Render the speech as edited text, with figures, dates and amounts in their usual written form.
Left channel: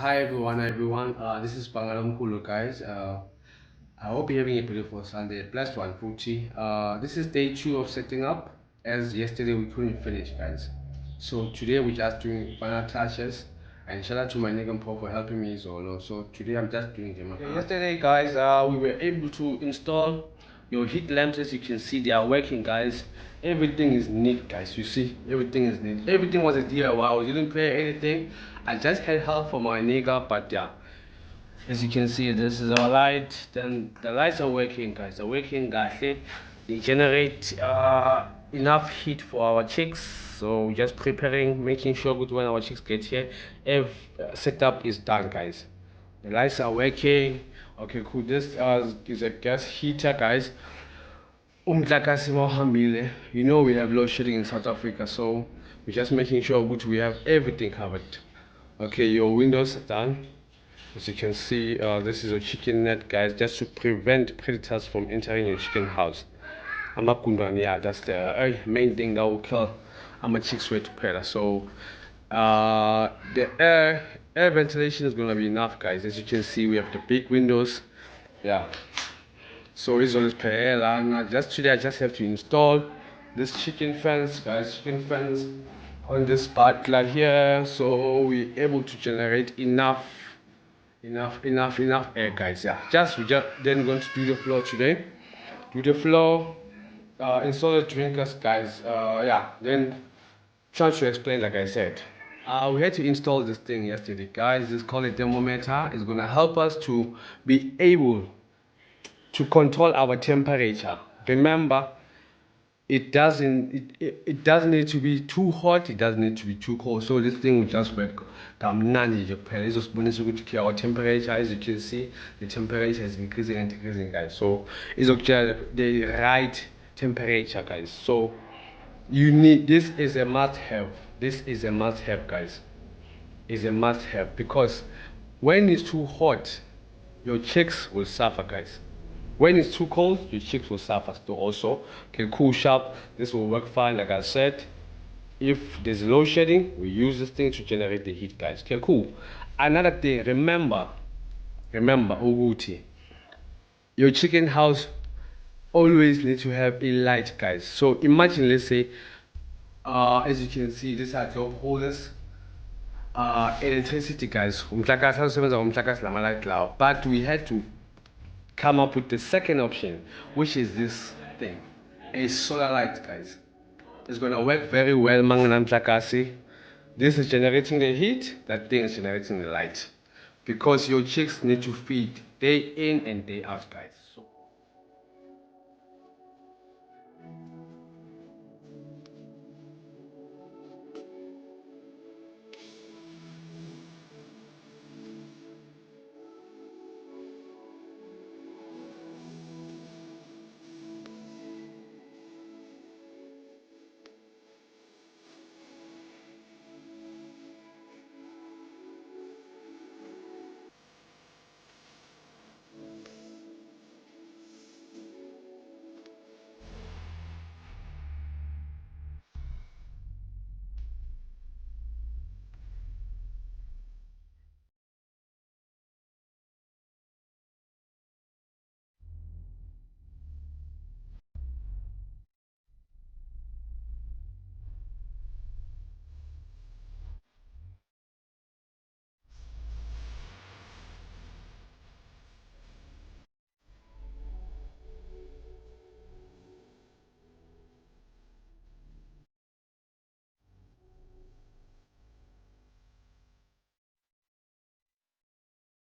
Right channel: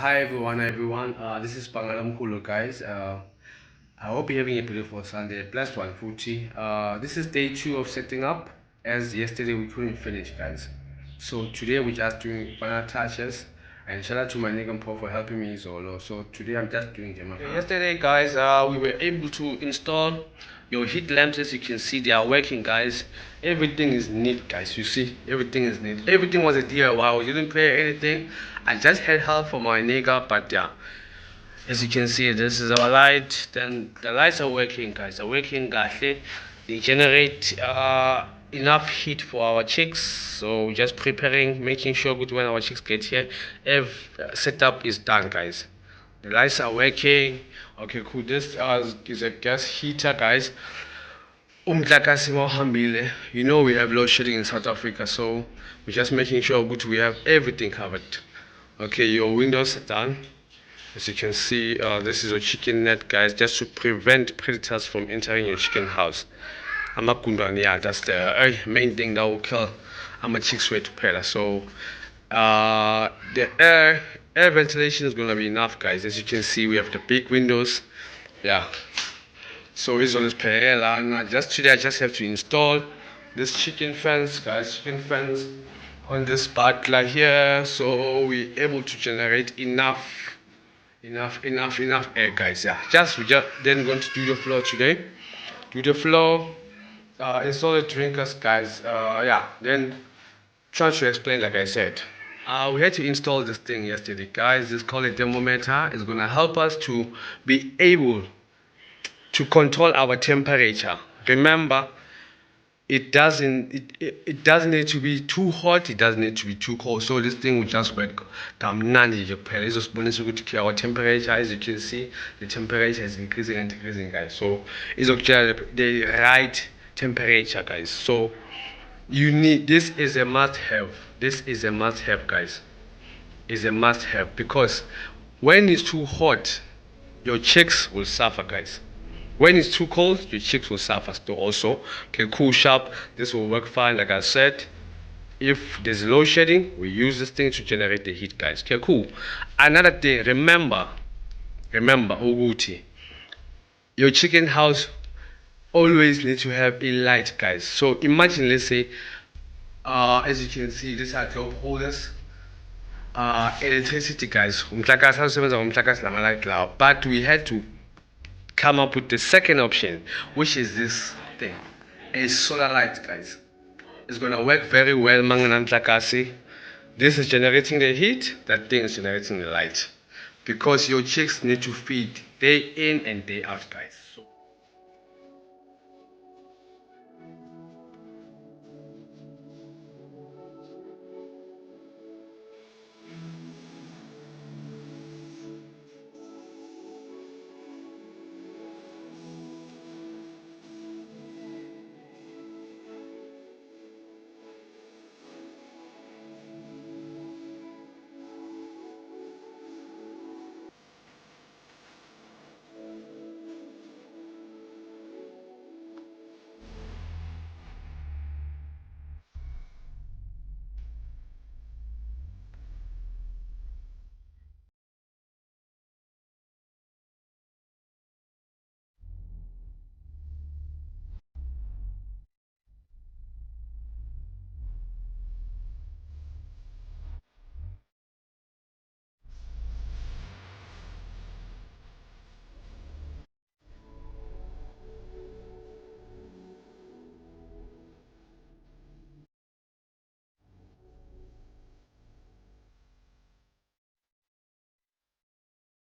Hi everyone. This is Bangalam Poultry guys. I hope you're having a beautiful Sunday. Blessed one, Fuji. This is day 2 of setting up, as yesterday we couldn't finish, guys. So today we're just doing final touches. And shout out to my nigga Paul for helping me solo. So today I'm just doing them. Okay, yesterday, guys, we were able to install your heat lamps. As you can see, they are working, guys. Everything is neat, guys. You see, everything is neat. Everything was a DIY. We didn't pay anything. I just had help from my nigga, but yeah, as you can see, this is our light. Then the lights are working, guys. Are working, guys. They generate enough heat for our chicks. So we're just preparing, making sure good when our chicks get here. Every setup is done, guys. The lights are working. Okay, cool. This is a gas heater, guys. You know we have load shedding in South Africa, so we're just making sure good we have everything covered. Okay, your windows are done. As you can see, this is a chicken net, guys, just to prevent predators from entering your chicken house. Yeah, that's the main thing that will kill chicks way to predator. So the air ventilation is gonna be enough, guys. As you can see, we have the big windows. Yeah. So it's on this paella, and just today I just have to install this chicken fence, guys. Chicken fence on this butler here, so we're able to generate enough air, guys. Yeah, we just then going to do the floor today. Do the floor, install the drinkers, guys. Yeah, then trying to explain, like I said. We had to install this thing yesterday, guys. This is called a thermometer. It's gonna help us to be able to control our temperature. Remember, it doesn't need to be too hot, it doesn't need to be too cold. So this thing will just work. Our temperature, as you can see, the temperature is increasing and decreasing, guys. So it's okay, the right temperature, guys. So you need, this is a must have. This is a must have, guys. Is a must have, because when it's too hot, your chicks will suffer, guys. When it's too cold, your chicks will suffer too also. Okay, cool, sharp. This will work fine, like I said. If there's load shedding, we use this thing to generate the heat, guys. Okay, cool. Another thing, remember, Uguti, your chicken house always needs to have a light, guys. So imagine, let's say, as you can see, this are top holders. Electricity, guys. But we had to come up with the second option, which is this thing, a solar light, guys. It's gonna work very well. This is generating the heat, that thing is generating the light, because your chicks need to feed day in and day out, guys. So